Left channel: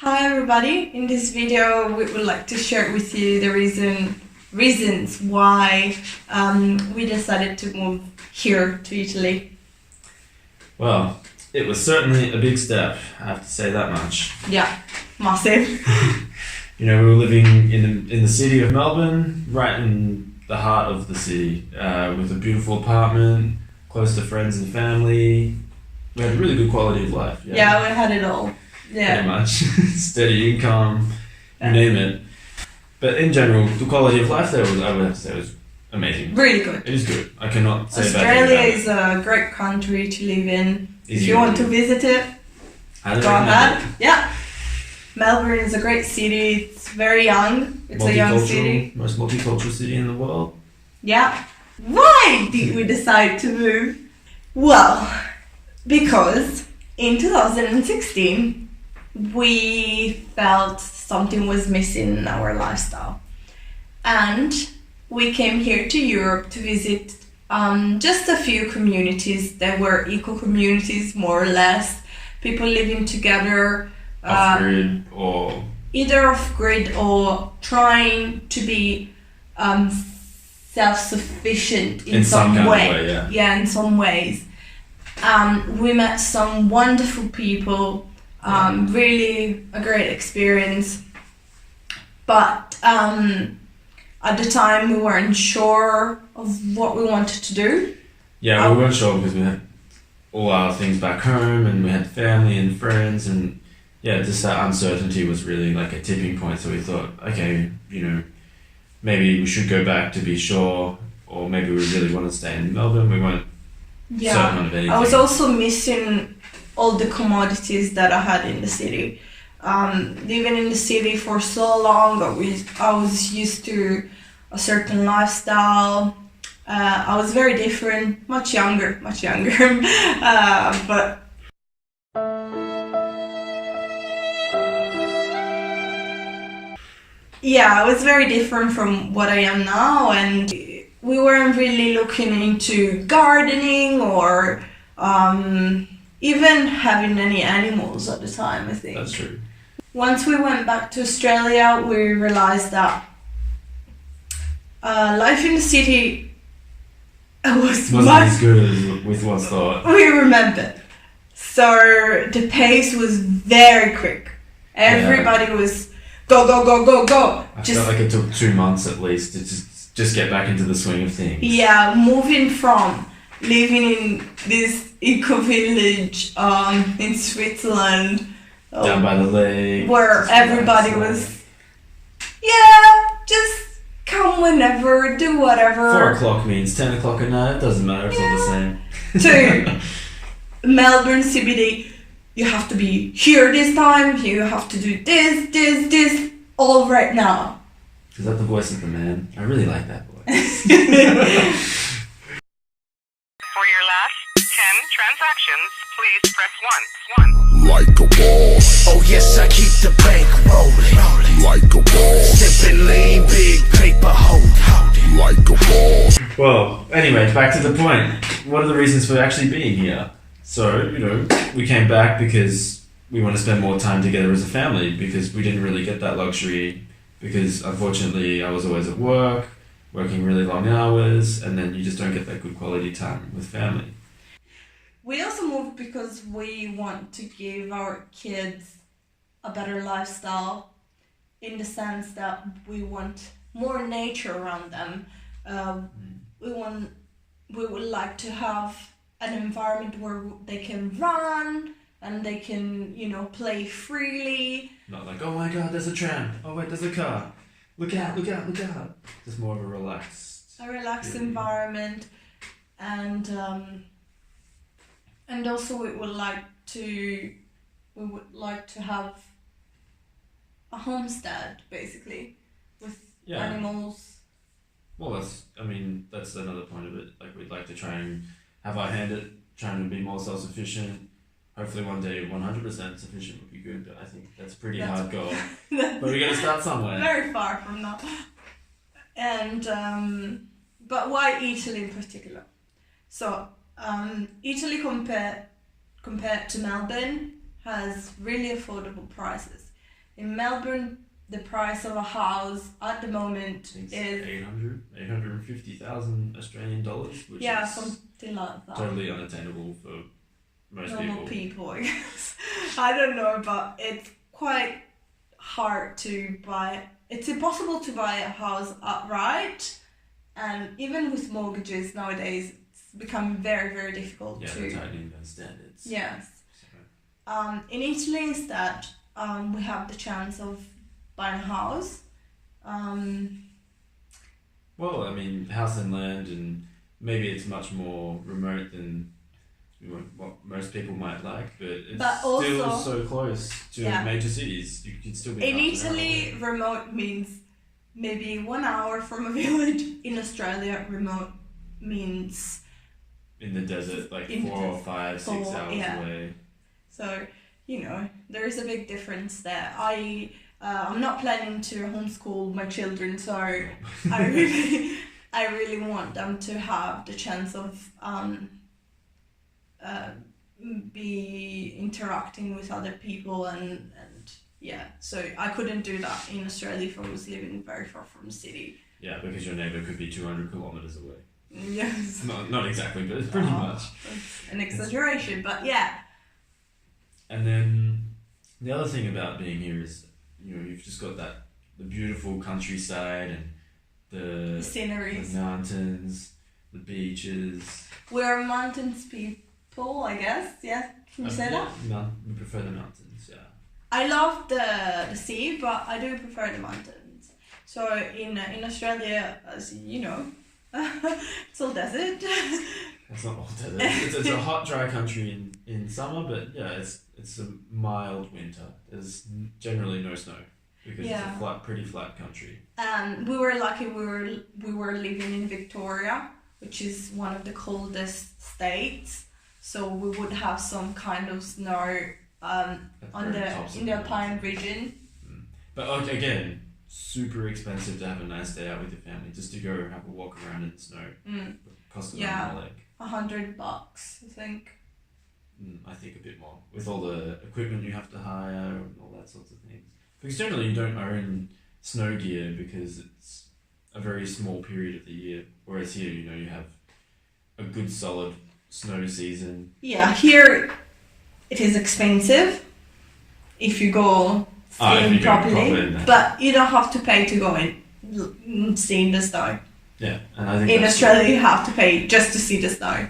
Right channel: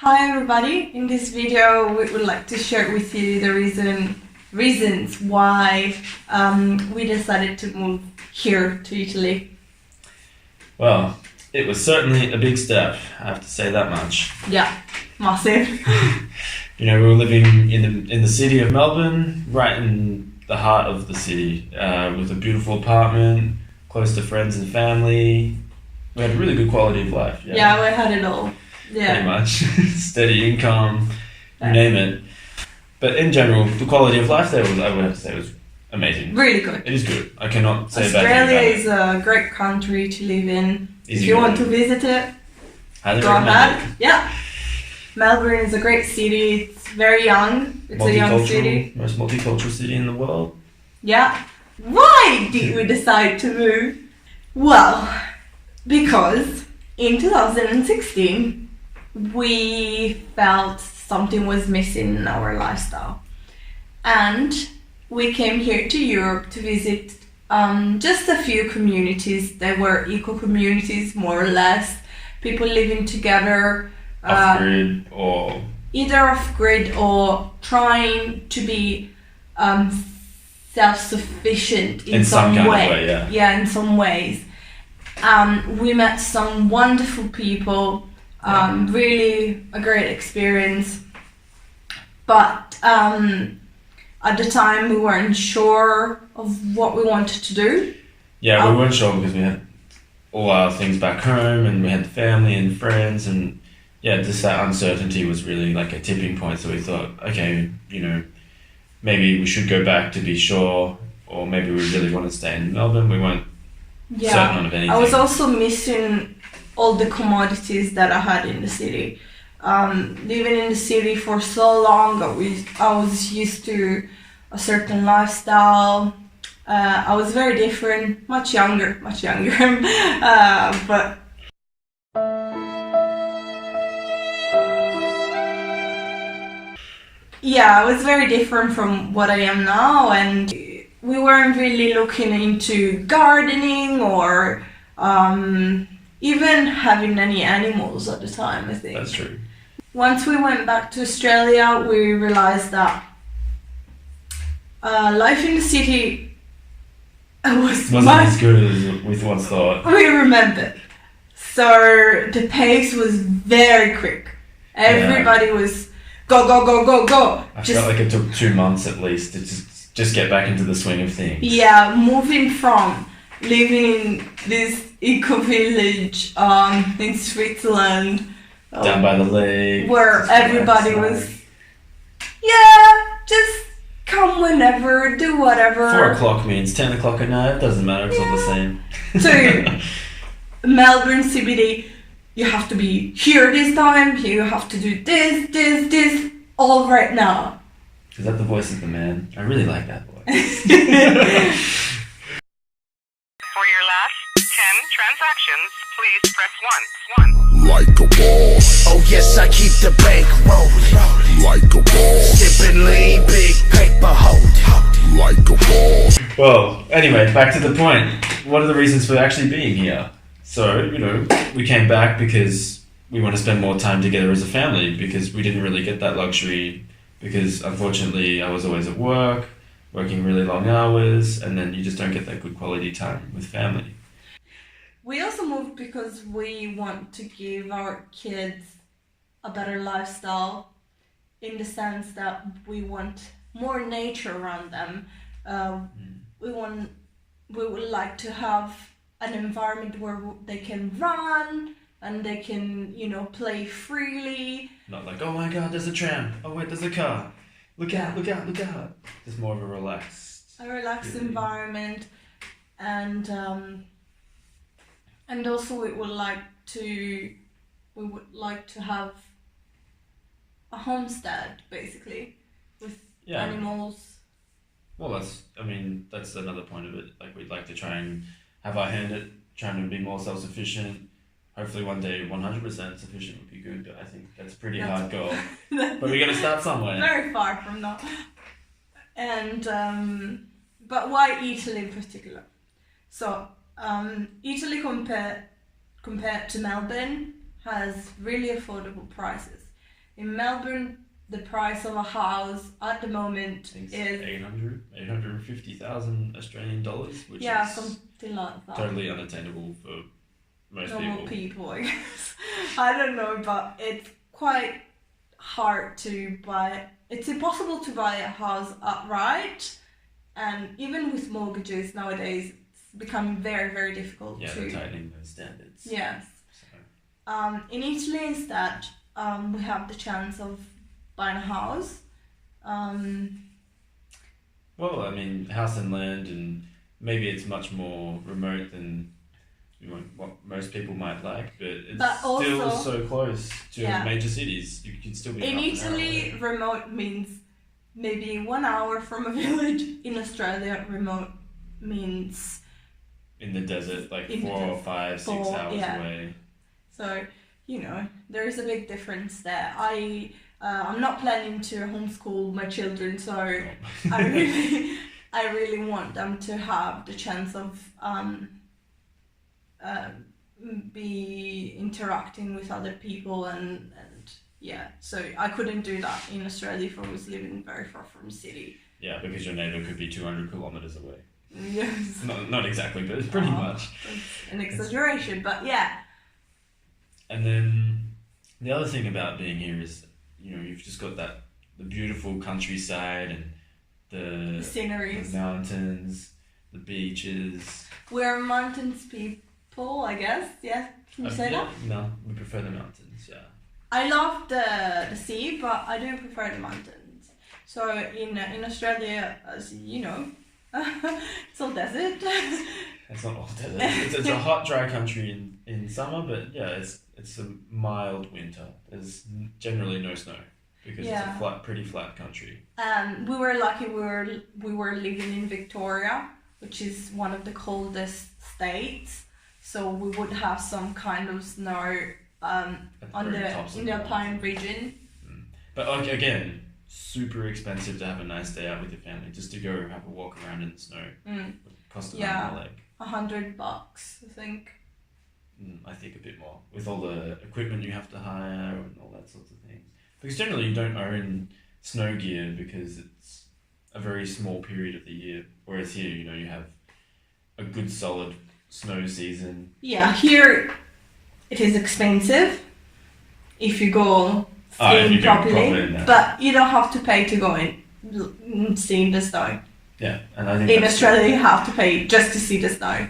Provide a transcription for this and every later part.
Hi everybody, in this video we would like to share with you the reasons why we decided to move here to Italy. Well, it was certainly a big step, I have to say that much. Yeah, massive. We were living in the city of Melbourne, right in the heart of the city, with a beautiful apartment, close to friends and family. We had a really good quality of life. Yeah, we had it all. Yeah. Pretty much. Steady income, you name it. But in general, the quality of life there was, I would have to say, was amazing. Really good. It is good. I cannot say bad things about Australia it. is a great country to live in. Easy If you want to going. visit it, Highly go recommend ahead. it. Yeah. Melbourne is a great city. It's very young. It's a young city. Most multicultural city in the world. Yeah. Why did we decide to move? Well, because in 2016 we felt something was missing in our lifestyle, and we came here to Europe to visit just a few communities. They were eco communities, more or less, people living together, Off-grid or... either off-grid or trying to be self-sufficient in some kind of way. way, Yeah, in some ways. We met some wonderful people, really a great experience. But at the time we weren't sure of what we wanted to do. Yeah, we weren't sure because we had all our things back home and we had family and friends, and just that uncertainty was really like a tipping point. So we thought, okay, maybe we should go back to be sure, or maybe we really want to stay in Melbourne. We weren't certain of anything. I was also missing all the commodities that I had in the city. Living in the city for so long, I was used to a certain lifestyle. I was very different, much younger, but yeah, I was very different from what I am now, and we weren't really looking into gardening or even having any animals at the time, I think. That's true. Once we went back to Australia, we realized that life in the city wasn't as good as we once thought. we remembered. So the pace was very quick. Everybody was go, go, go, go, go. I felt like it took 2 months at least to just get back into the swing of things. Yeah, moving from living in this eco village in Switzerland, Down by the lake. where just everybody relax, was, just come whenever, do whatever. 4 o'clock means 10 o'clock at night. It doesn't matter. It's all the same. To Melbourne CBD, you have to be here this time. You have to do this, all right now. Is that the voice of the man? I really like that voice. For your last 10 transactions, please press 1. Like a boss. Oh yes, I keep the bank rolling. Like a boss. Sipping lean, big paper hold. Like a boss. Well, anyway, back to the point. What are the reasons for actually being here? So, we came back because we want to spend more time together as a family, because we didn't really get that luxury, because unfortunately I was always at work, working really long hours, and then you just don't get that good quality time with family. We also moved because we want to give our kids a better lifestyle, in the sense that we want more nature around them. We would like to have an environment where they can run and they can, play freely. Not like, oh my god, there's a tram. Oh wait, there's a car. Look out, look out, look out. Just more of a relaxed feeling. Environment, and also we would like to have a homestead, basically, with animals. Well, that's another point of it. Like, we'd like to try and have our hand at trying to be more self-sufficient. Hopefully one day 100% sufficient would be good, but I think that's a pretty hard goal. But we're going to start somewhere. Very far from that. And but why Italy in particular? So Italy compared to Melbourne has really affordable prices. In Melbourne, the price of a house at the moment I think is 850,000 Australian dollars, which is something like that. totally unattainable for most Normal people. people, I guess. I don't know, but it's quite hard to buy. It's impossible to buy a house outright, and even with mortgages nowadays, it's become very, very difficult Yeah, to. they're tightening those standards. Yes. So, In Italy, instead, we have the chance of buying a house. well, I mean, house and land, and maybe it's much more remote than what most people might like, but it's But still also- so close to Yeah. major cities. You could still be In half an hour Italy, away. remote means maybe 1 hour from a village. In Australia, remote means In the desert, like In the 4 or 5, 6 4, hours yeah. away. so. There is a big difference there. I'm not planning to homeschool my children, so I really want them to have the chance of be interacting with other people and yeah. So I couldn't do that in Australia if I was living very far from the city. Yeah, because your neighbour could be 200 kilometres away. Yes, Not exactly, but it's pretty much. it's an exaggeration, but yeah. And then the other thing about being here is, you've just got the beautiful countryside and The the sceneries. mountains, the beaches. We're mountains people, I guess. Yeah, can you say that? We prefer the mountains, yeah. I love the sea, but I do prefer the mountains. So in Australia, as you know, it's all desert. It's not all desert. It's a hot, dry country in summer, but yeah, it's a mild winter. There's generally no snow because it's a pretty flat country. We were lucky. We were living in Victoria, which is one of the coldest states. So we would have some kind of snow in the Alpine region. But again, super expensive to have a nice day out with your family. Just to go have a walk around in the snow. Cost an arm and a leg. $100, I think. I think a bit more. With all the equipment you have to hire and all that sorts of things. Because generally you don't own snow gear because it's a very small period of the year. Whereas here, you have a good solid snow season. Yeah, here it is expensive if you go skiing properly, but you don't have to pay to go in seeing the snow. Yeah, and I think in Australia you have to pay just to see the snow.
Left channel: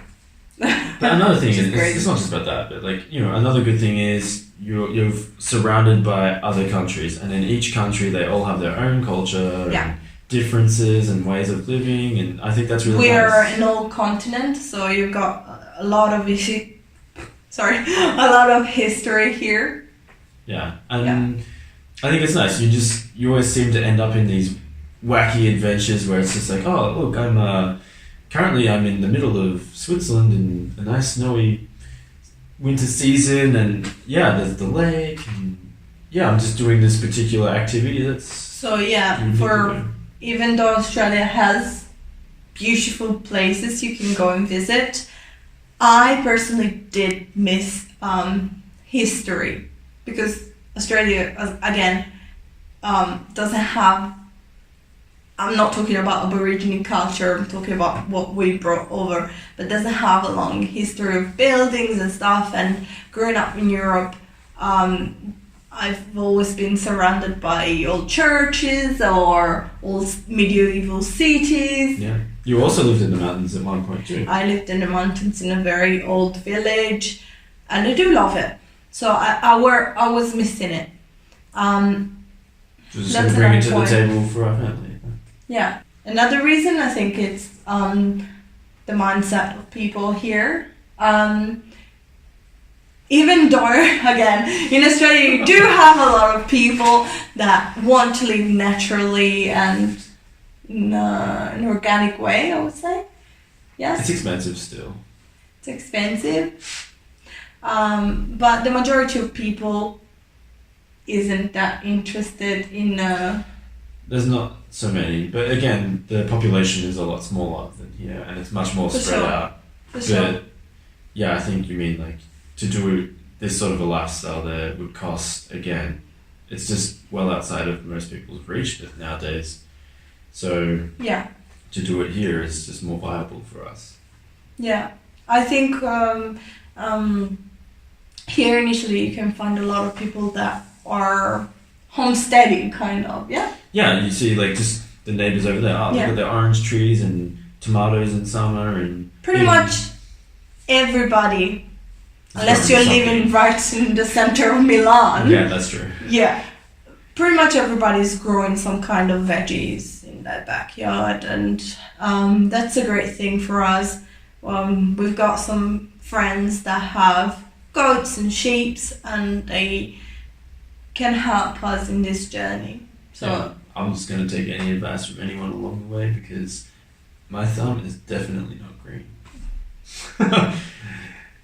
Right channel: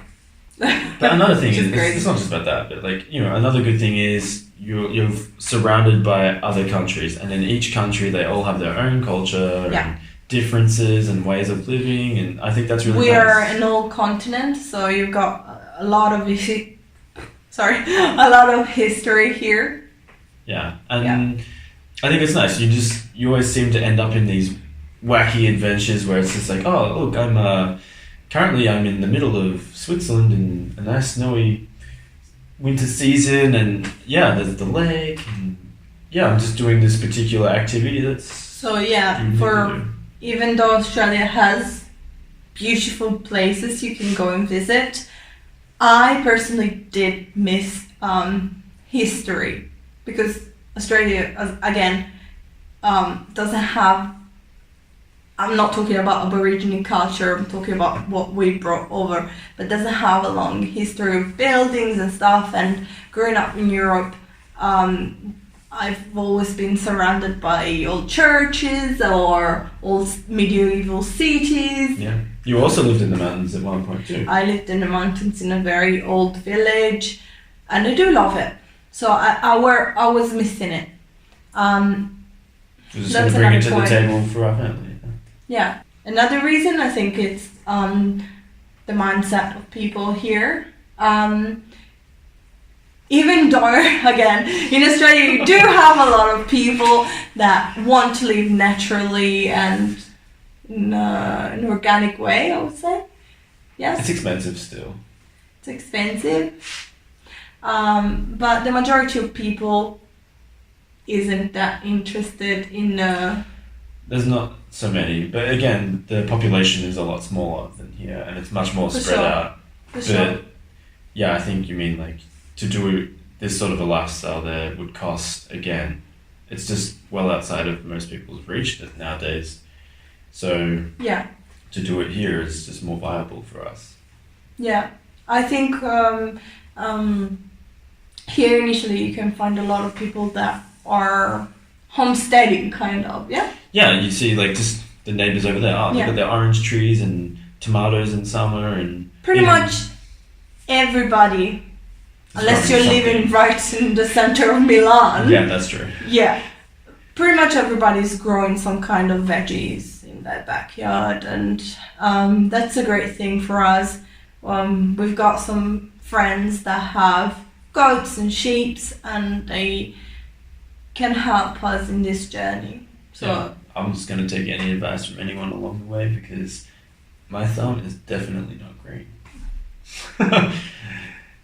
But another thing is, great. it's not just about that, but another good thing is you're surrounded by other countries, and in each country they all have their own culture and differences and ways of living, and I think that's really We're nice. an old continent, so you've got a lot of a lot of history here. Yeah, and I think it's nice. You always seem to end up in these wacky adventures where it's just like, oh look, currently I'm in the middle of Switzerland in a nice snowy winter season, and there's the lake, and I'm just doing this particular activity that's so even though Australia has beautiful places you can go and visit, I personally did miss history because Australia again doesn't have. I'm not talking about Aboriginal culture, I'm talking about what we brought over, but doesn't have a long history of buildings and stuff. And growing up in Europe, I've always been surrounded by old churches or old medieval cities. Yeah. You also lived in the mountains at one point too. I lived in the mountains in a very old village, and I do love it. So I was missing it. Just going to bring it to the table for our family. Yeah. Another reason I think it's the mindset of people here. Even though, again, in Australia you do have a lot of people that want to live naturally and in an organic way, I would say. Yes. It's expensive still. It's expensive. But the majority of people isn't that interested in... There's not so many, but again, the population is a lot smaller than here, and it's much more spread out. But I think you mean to do this sort of a lifestyle there would cost again it's just well outside of most people's reach nowadays. So Yeah. to do it here is just more viable for us. Yeah. I think here initially you can find a lot of people that are homesteading, kind of. Yeah. Yeah, you see like just the neighbors over there. Oh, they've got their orange trees and tomatoes in summer and pretty much everybody, unless you're living right in the center of Milan. Yeah, that's true. Yeah, pretty much everybody's growing some kind of veggies in their backyard, and that's a great thing for us. We've got some friends that have goats and sheep, and they can help us in this journey. So yeah, I'm just going to take any advice from anyone along the way because my thumb is definitely not green.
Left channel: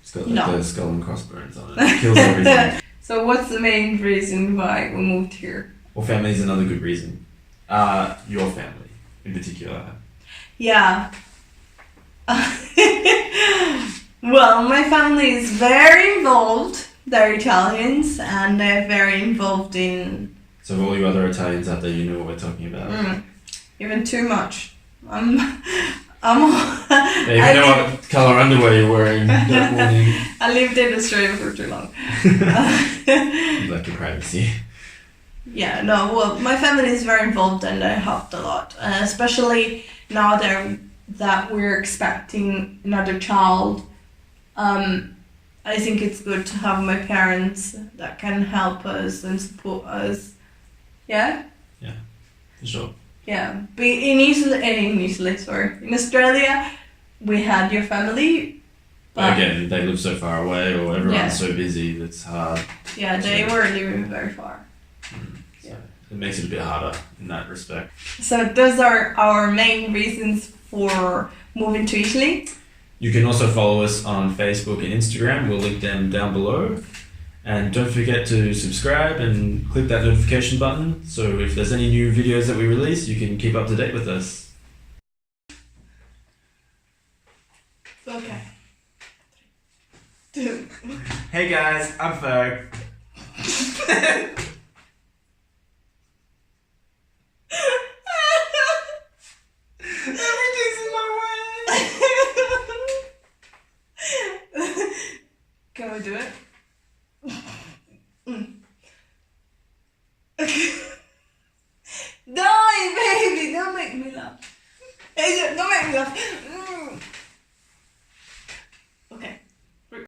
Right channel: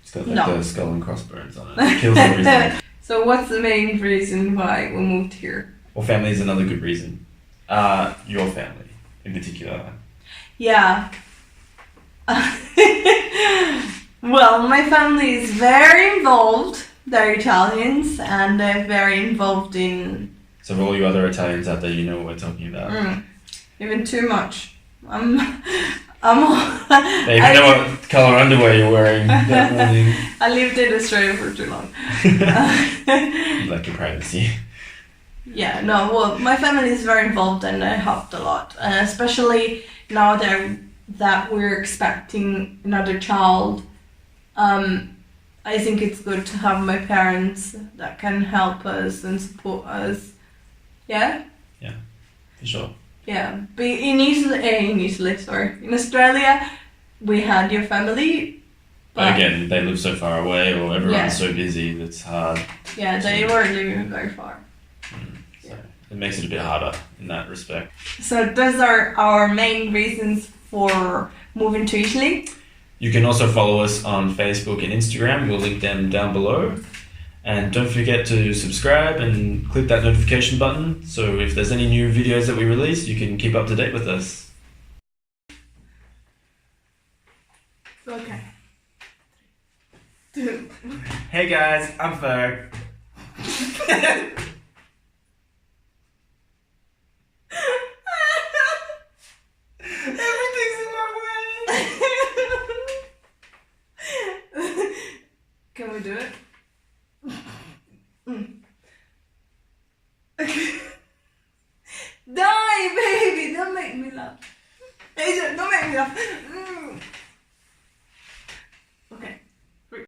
It's got like those skull and crossbones on it. It kills everything. So what's the main reason why we moved here? Well, family is another good reason. Your family in particular. Yeah. Well, my family is very involved. They're Italians and they're very involved in... So for all you other Italians out there, you know what we're talking about. Even too much. They even know what colour underwear you're wearing that morning. I lived in Australia for too long. You like your privacy. Yeah, no, well, my family is very involved and they helped a lot. Especially now that we're expecting another child. I think it's good to have my parents that can help us and support us. Yeah? Yeah, for sure. Yeah, but in Australia, we had your family. But again, they live so far away or everyone's so busy, that's hard. Yeah, they were living very far. So it makes it a bit harder in that respect. So those are our main reasons for moving to Italy. You can also follow us on Facebook and Instagram. We'll link them down below. And don't forget to subscribe and click that notification button. So if there's any new videos that we release, you can keep up to date with us. Okay. Hey guys, I'm Ferg. Everything's in my way. Can we do it? Die, baby! Don't make me laugh. Hey, don't make me laugh.